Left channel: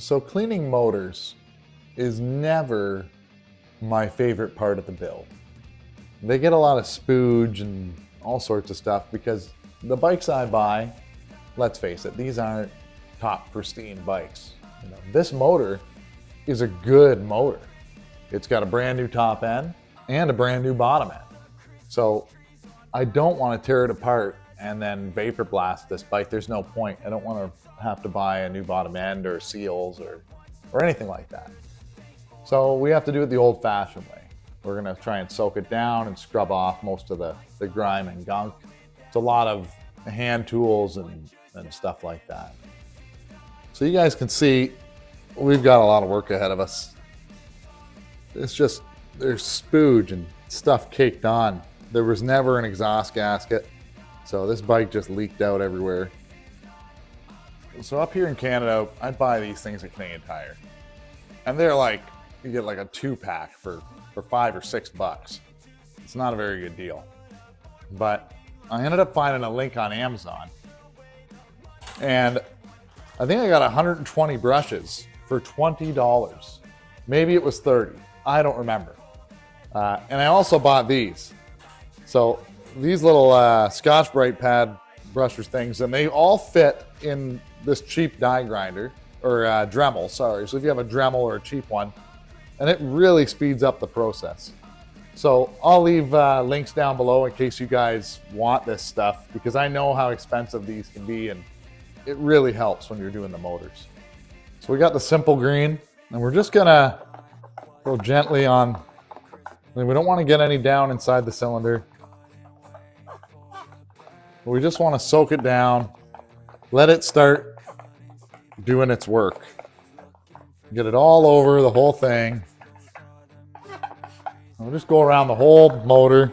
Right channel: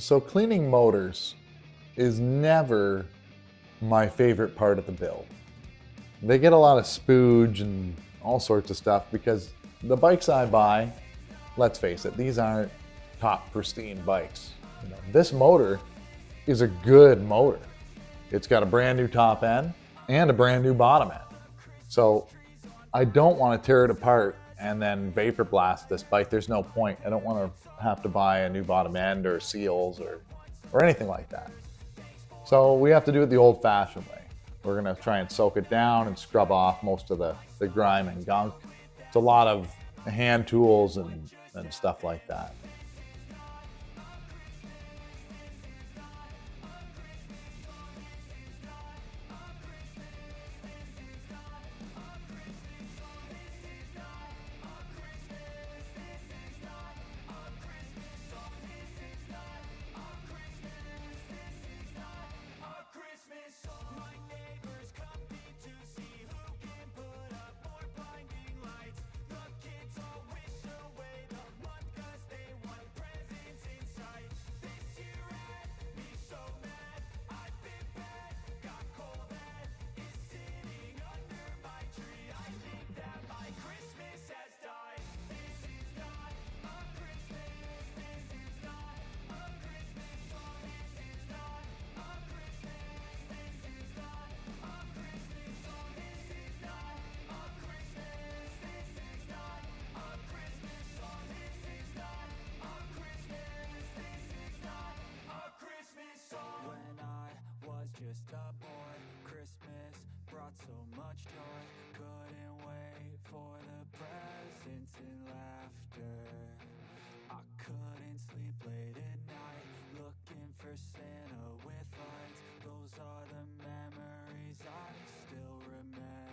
So cleaning motors is never my favorite part of the build. They get a lot of spooge and all sorts of stuff because the bikes I buy, let's face it, these aren't top pristine bikes. You know, this motor is a good motor. It's got a brand new top end and a brand new bottom end. So I don't want to tear it apart and then vapor blast this bike. There's no point. I don't want to have to buy a new bottom end or seals or anything like that. So we have to do it the old fashioned way. We're gonna try and soak it down and scrub off most of the grime and gunk. It's a lot of hand tools and stuff like that. So you guys can see we've got a lot of work ahead of us. It's just, there's spooge and stuff caked on. There was never an exhaust gasket, so this bike just leaked out everywhere. So up here in Canada, I'd buy these things at Canadian Tire. And they're like, you get like a 2-pack for $5 or $6. It's not a very good deal. But I ended up finding a link on Amazon. And I think I got 120 brushes for $20. Maybe it was 30. I don't remember. And I also bought these. So these little Scotch Brite pad brushers things, and they all fit in this cheap die grinder, or Dremel, sorry. So if you have a Dremel or a cheap one, and it really speeds up the process. So I'll leave links down below in case you guys want this stuff, because I know how expensive these can be, and it really helps when you're doing the motors. So we got the simple green, and we're just gonna go gently on. I mean, we don't want to get any down inside the cylinder. We just want to soak it down, let it start doing its work. Get it all over the whole thing. We'll just go around the whole motor.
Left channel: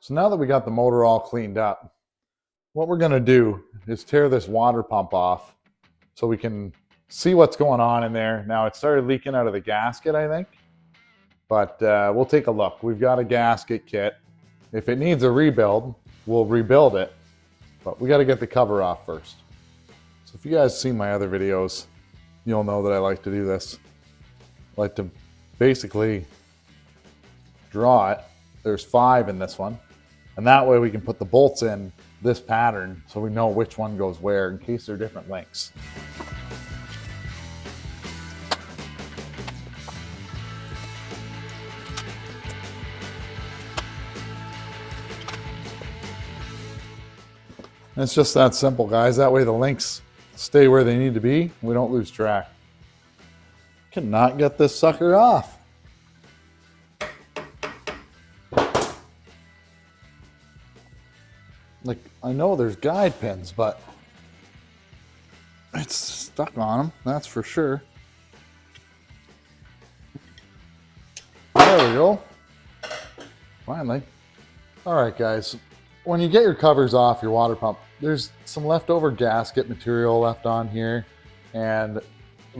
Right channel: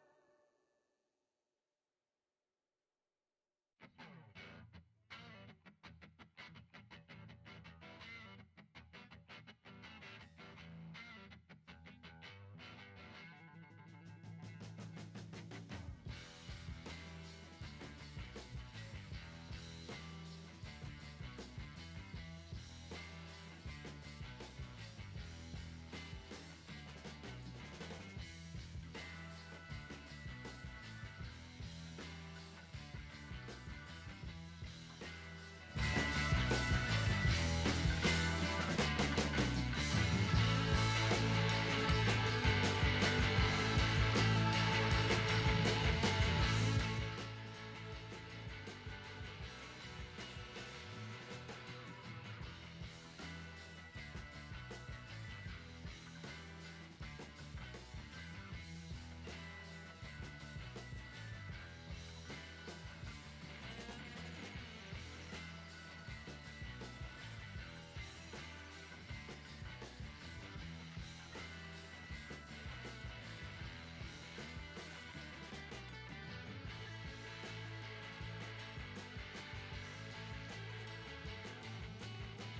So now that we got the motor all cleaned up, what we're gonna do is tear this water pump off so we can see what's going on in there. Now it started leaking out of the gasket, I think, but we'll take a look. We've got a gasket kit. If it needs a rebuild, we'll rebuild it, but we gotta get the cover off first. So if you guys see my other videos, you'll know that I like to do this. I like to basically draw it. There's 5 in this one. And that way we can put the bolts in this pattern so we know which one goes where in case they're different lengths. And it's just that simple, guys. That way the links stay where they need to be. We don't lose track. Cannot get this sucker off. Like, I know there's guide pins, but it's stuck on them, that's for sure. There we go. Finally. All right, guys. When you get your covers off your water pump, there's some leftover gasket material left on here, and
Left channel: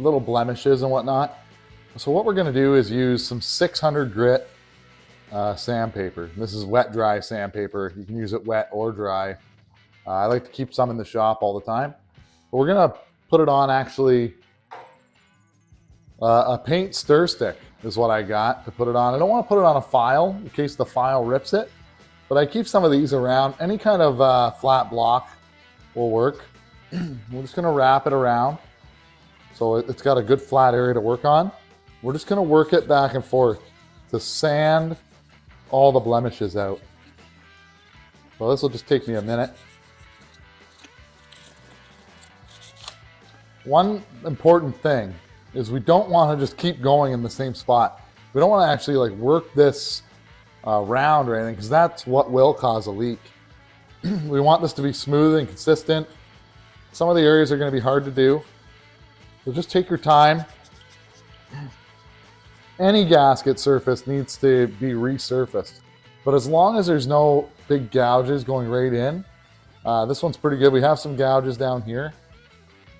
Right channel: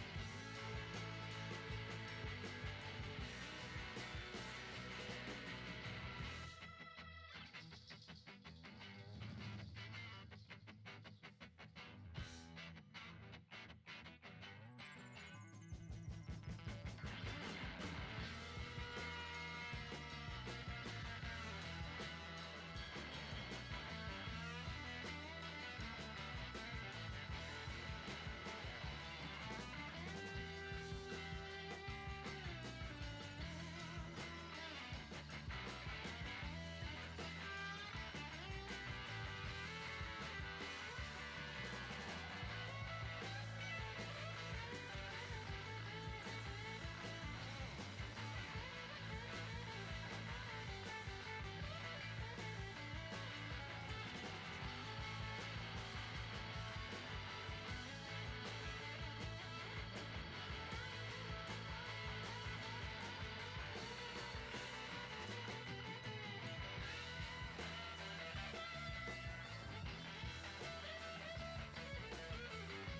little blemishes and whatnot. So what we're going to do is use some 600 grit sandpaper. This is wet dry sandpaper. You can use it wet or dry. I like to keep some in the shop all the time. But we're going to put it on actually a paint stir stick is what I got to put it on. I don't want to put it on a file in case the file rips it, but I keep some of these around. Any kind of flat block will work. We're just going to wrap it around so it's got a good flat area to work on. We're just going to work it back and forth to sand all the blemishes out. So this will just take me a minute. One important thing is we don't want to just keep going in the same spot. We don't want to actually like work this round or anything, because that's what will cause a leak. We want this to be smooth and consistent. Some of the areas are going to be hard to do, so just take your time. Any gasket surface needs to be resurfaced, but as long as there's no big gouges going right in, this one's pretty good. We have some gouges down here,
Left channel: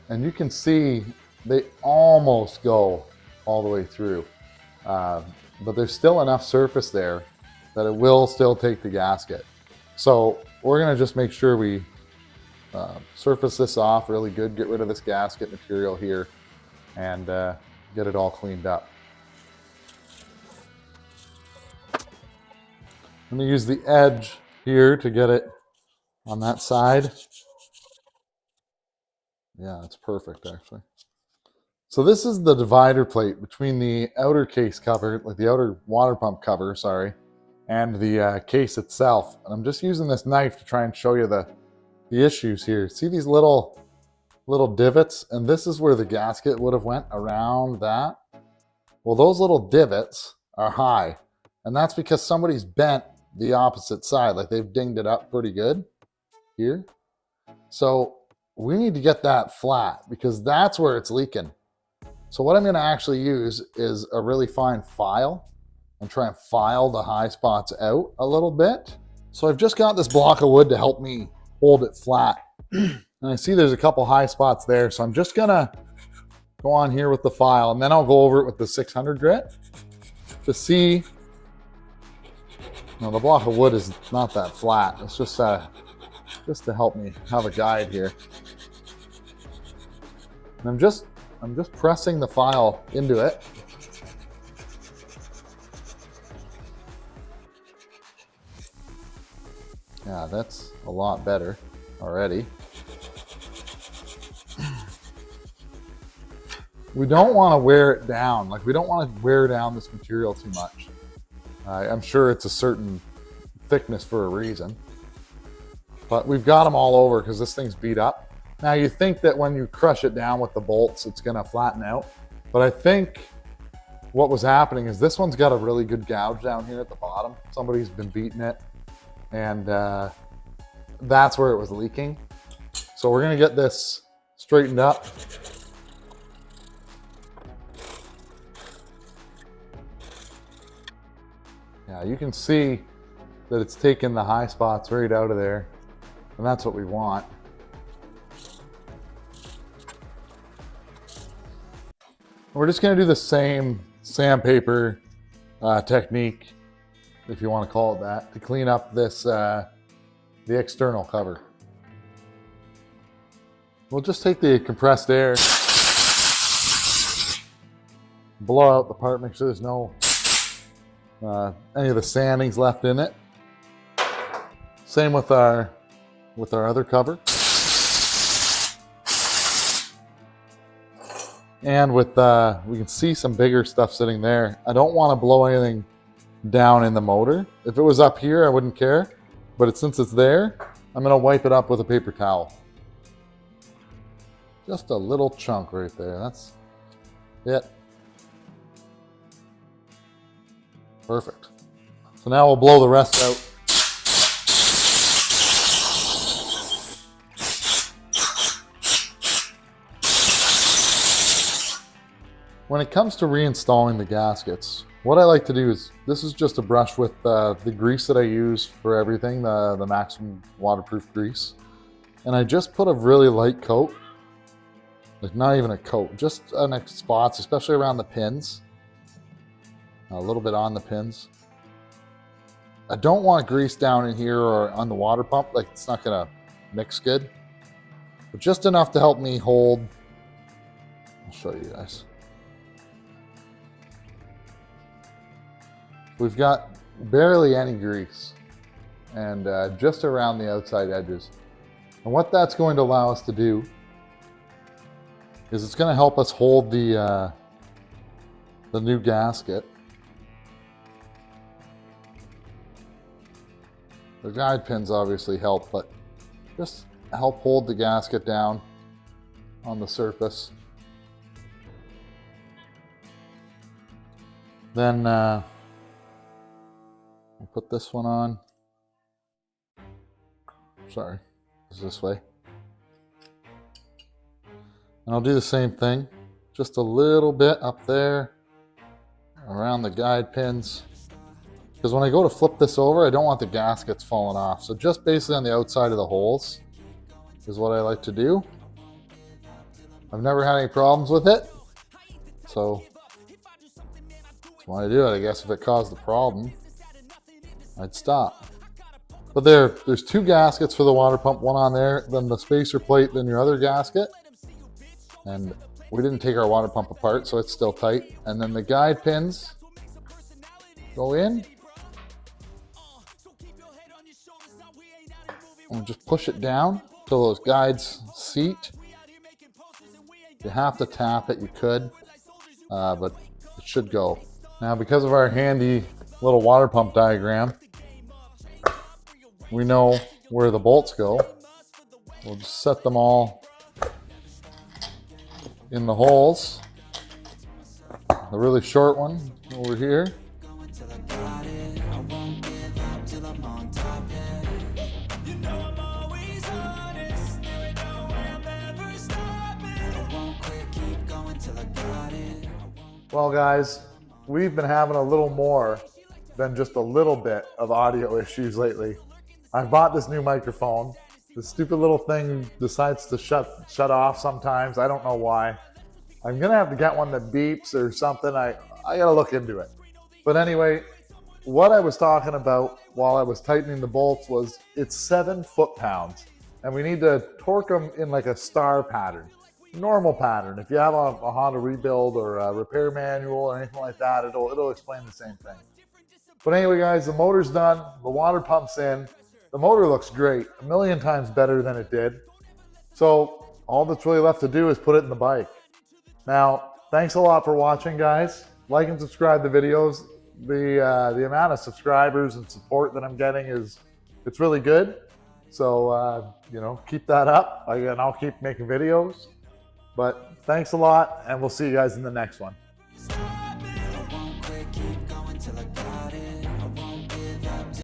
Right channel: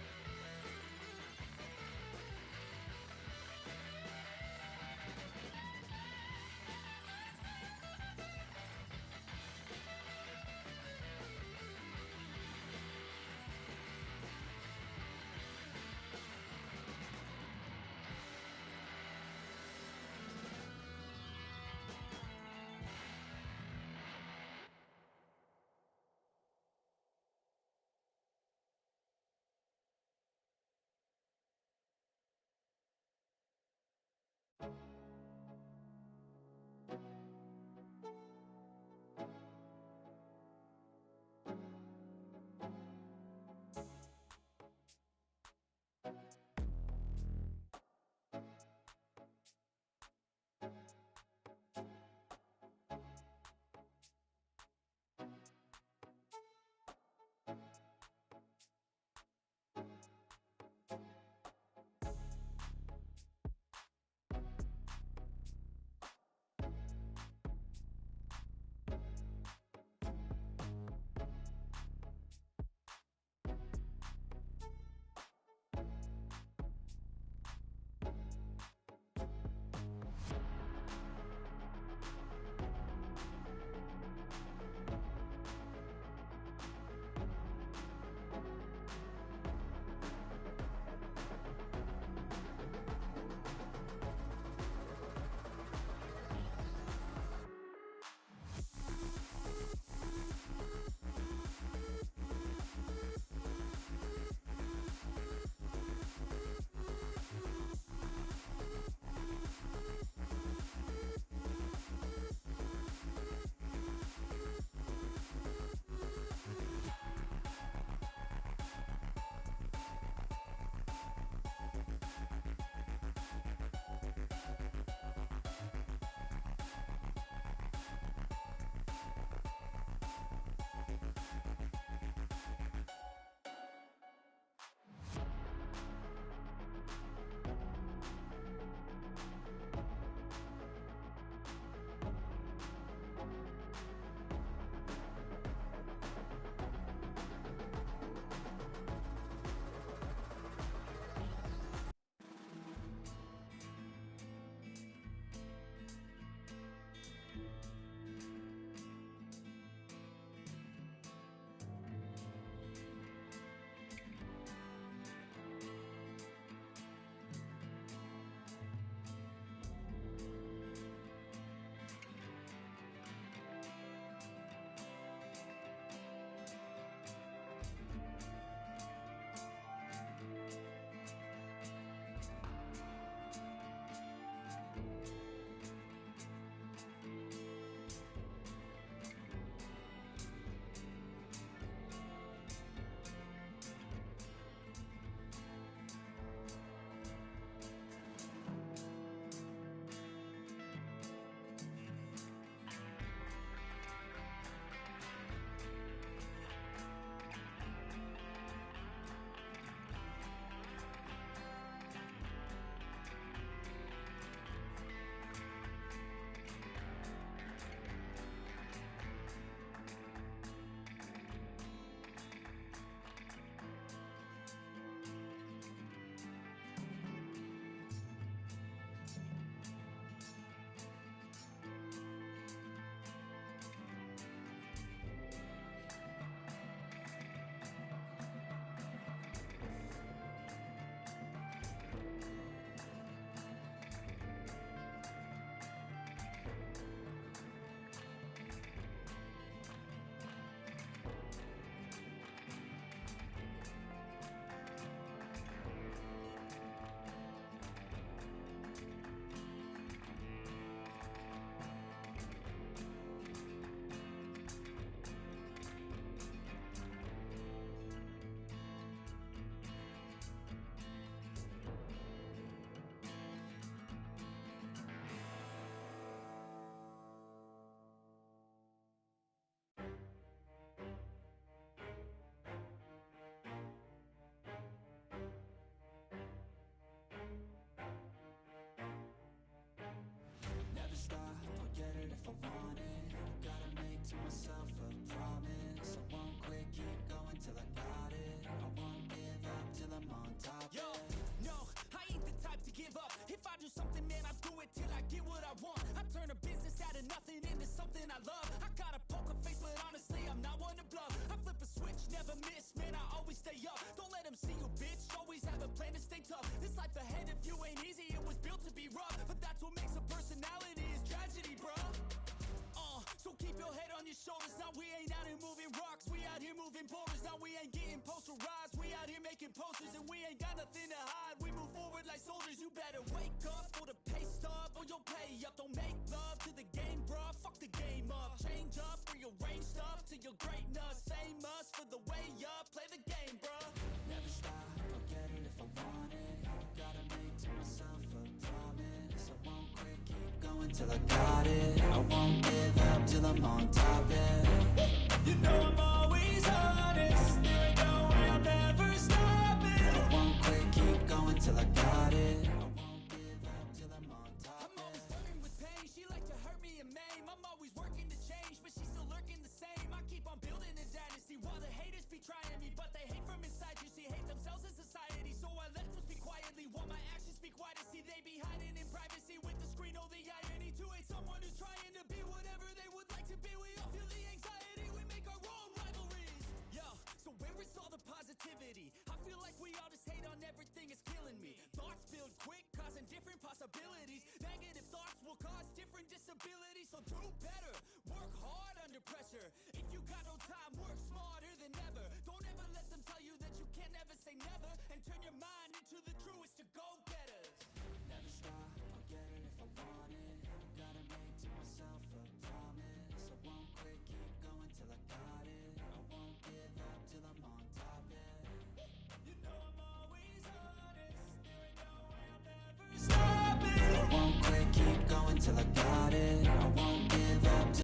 and you can see they almost go all the way through, but there's still enough surface there that it will still take the gasket. So we're going to just make sure we surface this off really good, get rid of this gasket material here, and get it all cleaned up. I'm going to use the edge here to get it on that side. Yeah, it's perfect actually. So this is the divider plate between the outer case cover, like the outer water pump cover, sorry, and the case itself. And I'm just using this knife to try and show you the issues here. See these little divots? And this is where the gasket would have went around that. Well, those little divots are high, and that's because somebody's bent the opposite side, like they've dinged it up pretty good here. So we need to get that flat because that's where it's leaking. So what I'm going to actually use is a really fine file and try and file the high spots out a little bit. So I've just got this block of wood to help me hold it flat. And I see there's a couple high spots there. So I'm just going to go on here with the file, and then I'll go over it with the 600 grit to see. Now the block of wood is not that flat. It's just to help me have a guide here. And I'm just pressing the file into it. Yeah, that's a lot better already. We don't want to wear it down. Like, we don't want to wear down this material too much. I'm sure it's a certain thickness for a reason, but we've got them all over because this thing's beat up. Now you think that when you crush it down with the bolts, it's gonna flatten out, but I think what was happening is this one's got a really good gouge down here at the bottom. Somebody's been beating it, and that's where it was leaking. So we're gonna get this straightened up. Yeah, you can see that it's taken the high spots right out of there, and that's what we want. We're just going to do the same sandpaper technique, if you want to call it that, to clean up this the external cover. We'll just take the compressed air, blow out the part, make sure there's no any of the sandings left in it. Same with our other cover. And with we can see some bigger stuff sitting there. I don't want to blow anything down in the motor. If it was up here, I wouldn't care. But since it's there, I'm going to wipe it up with a paper towel. Just a little chunk right there. That's it. Perfect. So now we'll blow the rest out. When it comes to reinstalling the gaskets, what I like to do is, this is just a brush with the grease that I use for everything, the maximum waterproof grease. And I just put a really light coat Like not even a coat, just on spots, especially around the pins. A little bit on the pins. I don't want grease down in here or on the water pump, like it's not gonna mix good. But just enough to help me hold. I'll show you guys. We've got barely any grease and just around the outside edges. And what that's going to allow us to do is it's going to help us hold the new gasket. The guide pins obviously help, but just help hold the gasket down on the surface. Then I'll put this one on. Sorry, it's this way. And I'll do the same thing, just a little bit up there around the guide pins. Because when I go to flip this over, I don't want the gaskets falling off. So just basically on the outside of the holes is what I like to do. I've never had any problems with it. So when I do it, I guess if it caused a problem, I'd stop. But there's two gaskets for the water pump, one on there, then the spacer plate, then your other gasket. And we didn't take our water pump apart, so it's still tight. And then the guide pins go in. And just push it down till those guides seat. If you have to tap it, you could, but it should go. Now, because of our handy little water pump diagram, we know where the bolts go. We'll just set them all in the holes. The really short one over here. You know I'm always honest. There ain't no way I'm ever stopping. I won't quit, keep going till I got it. Well, guys, we've been having a little more than just a little bit of audio issues lately. I bought this new microphone. The stupid little thing decides to shut off sometimes. I don't know why. I'm gonna have to get one that beeps or something. I gotta look into it. But anyway, what I was talking about while I was tightening the bolts was it's 7 foot-pounds, and we need to torque them in like a star pattern, normal pattern. If you have a Honda rebuild or a repair manual or anything like that, it'll explain the same thing. But anyway, guys, the motor's done, the water pump's in, the motor looks great, a million times better than it did. So all that's really left to do is put it in the bike. Now, thanks a lot for watching, guys. Like and subscribe to the videos. The amount of subscribers and support that I'm getting it's really good. So you know, keep that up. And I'll keep making videos. But thanks a lot, and we'll see you guys in the next one. I won't quit, keep going till I got it.